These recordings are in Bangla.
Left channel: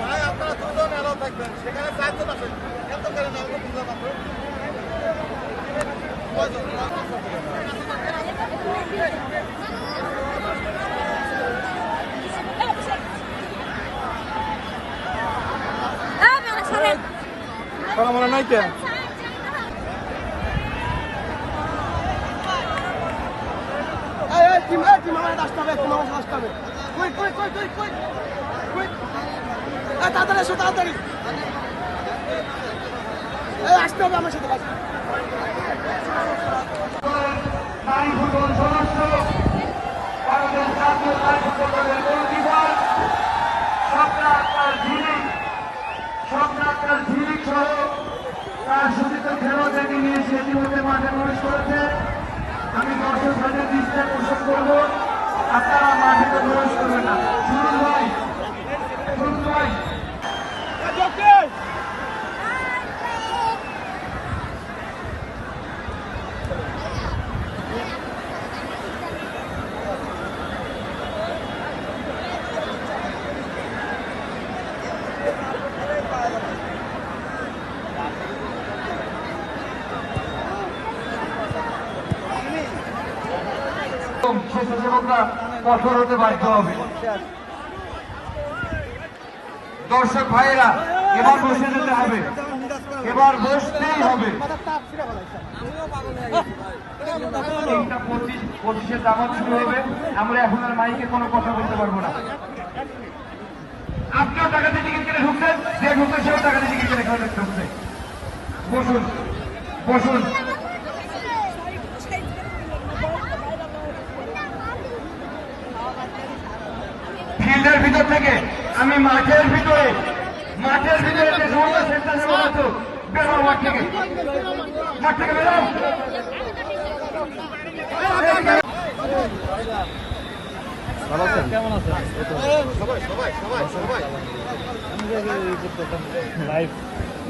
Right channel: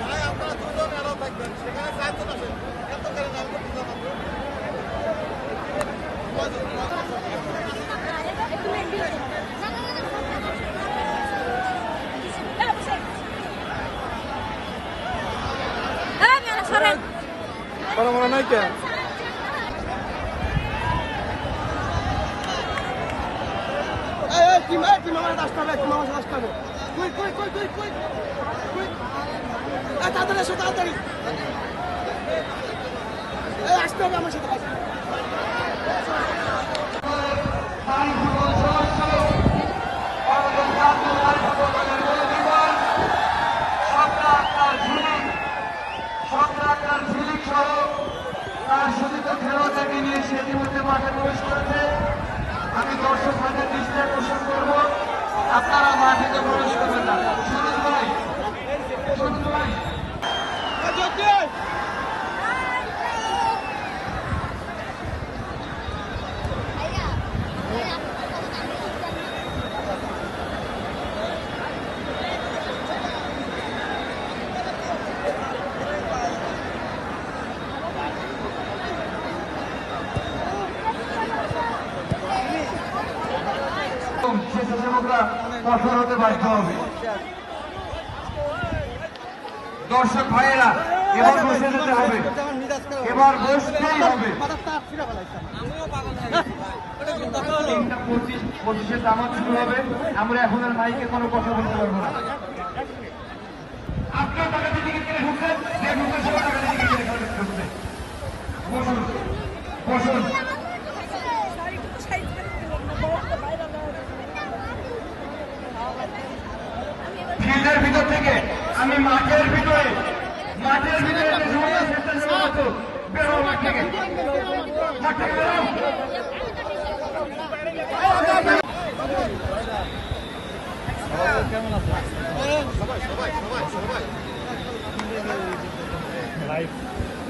ভাই আপনারা দুজন এলাও থাকবেন। সেখানে চারজন আছেন এত করে না আমি বুঝলাম কয়জন? সরেন তোরা মনে নাই কেন তাড়াতাড়ি এসো তাড়াতাড়ি এই আসতে হবে আমার সাথে সহ তার সূচিত খেলোয়াড়দেরকে নিয়ে ইতিমধ্যে মাঠে প্রবেশ করেছে আমি দর্শকদের স্বেচ্ছাসেবকরা সফল হতে বাধ্য হবে। দর্শক ভাইয়েরা, এবার বসে যেতে হবে। এবার বসতেই হবে। আমরা এখন আর কোনো টিকিট কেটে ঢুকছেন, যে ঢুকছে সেও টাকা দিয়ে টিকিট কেটে বসুন বসুন। ফিল্ডের ভিতর থেকে আমি মাঠের ভিতরে মাঠের ভিতরে মাঠ থেকে মাঠ থেকে।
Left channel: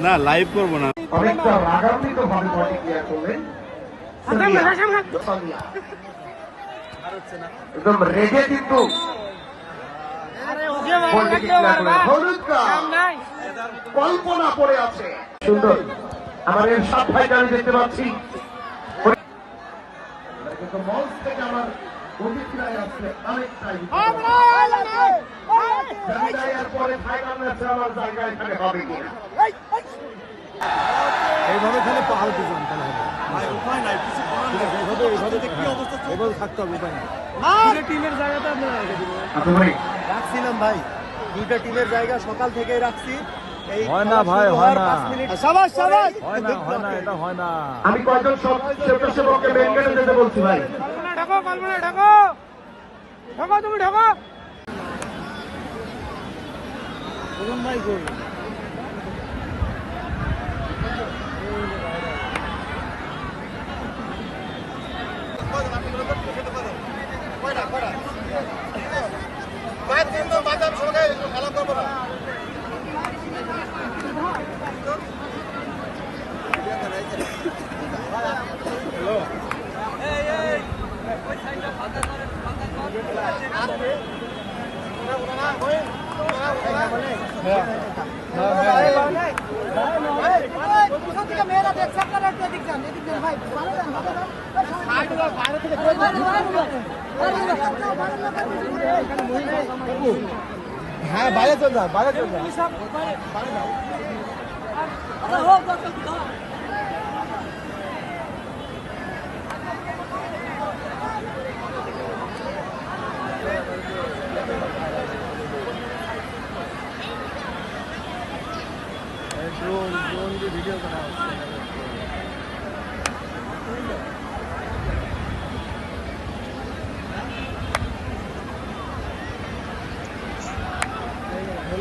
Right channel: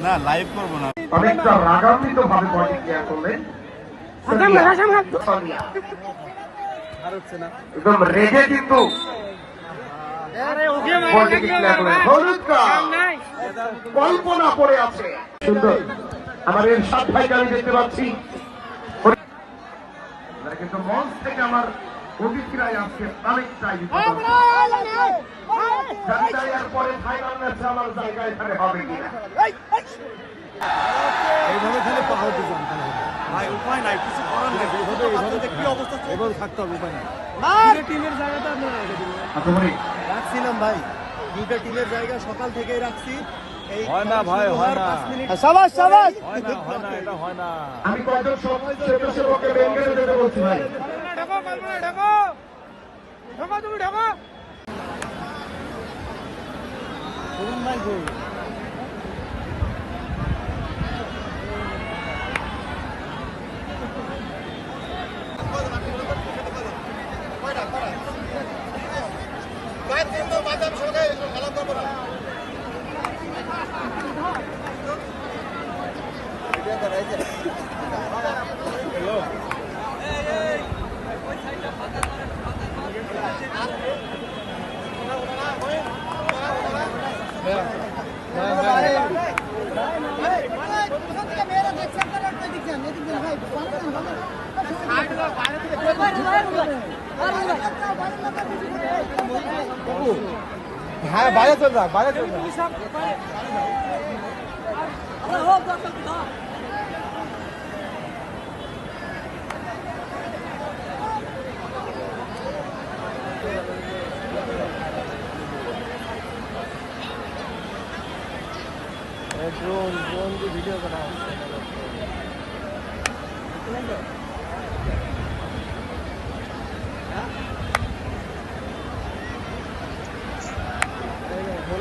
না লাইভ করব না অনেকটা রাগান্বিত ভাবে প্রতিক্রিয়া করলেন সোনিয়া। একদম রেগে কিন্তু। কল্পনা করে আছে। শুনবেন, আমার এই সব ভাইকে আমি দেখতে পাচ্ছি। কিন্তু মঞ্চ থেকে আমার প্রতিক্রিয়ায় আজকে অনেকটাই আমার জায়গা এখানে হবে কিনা? এইভাবে খেলে পাহাড় দিতাম তাহলে হবে। ভাই উপায় নাই কিছু করার নাই। এইভাবে এইভাবে কি অবস্থা এইভাবে থাকতে হবে উপায় নাই। দুটো টিমের জায়গাটা আপনারা রেখে দিবেন। রাখছিলাম ভাই। দুইটা টিমের জায়গা সকাল থেকেই রাখছি। এই শুরু হওয়ার পাঁচ মিনিট সাবাস সাবাস। আমি কয়েকজন স্বেচ্ছাসেবককে মেন গেটে যেতে বলছি ভাই। কল্পনা ঢাকো কল্পনা ঢাকো। ঢাকো তুমি ঢাকো। খেলা করব না হ্যাঁ বাইরে চল যা বাইরে চল যা ড্রোন ড্রোন দিয়ে ভিডিও করা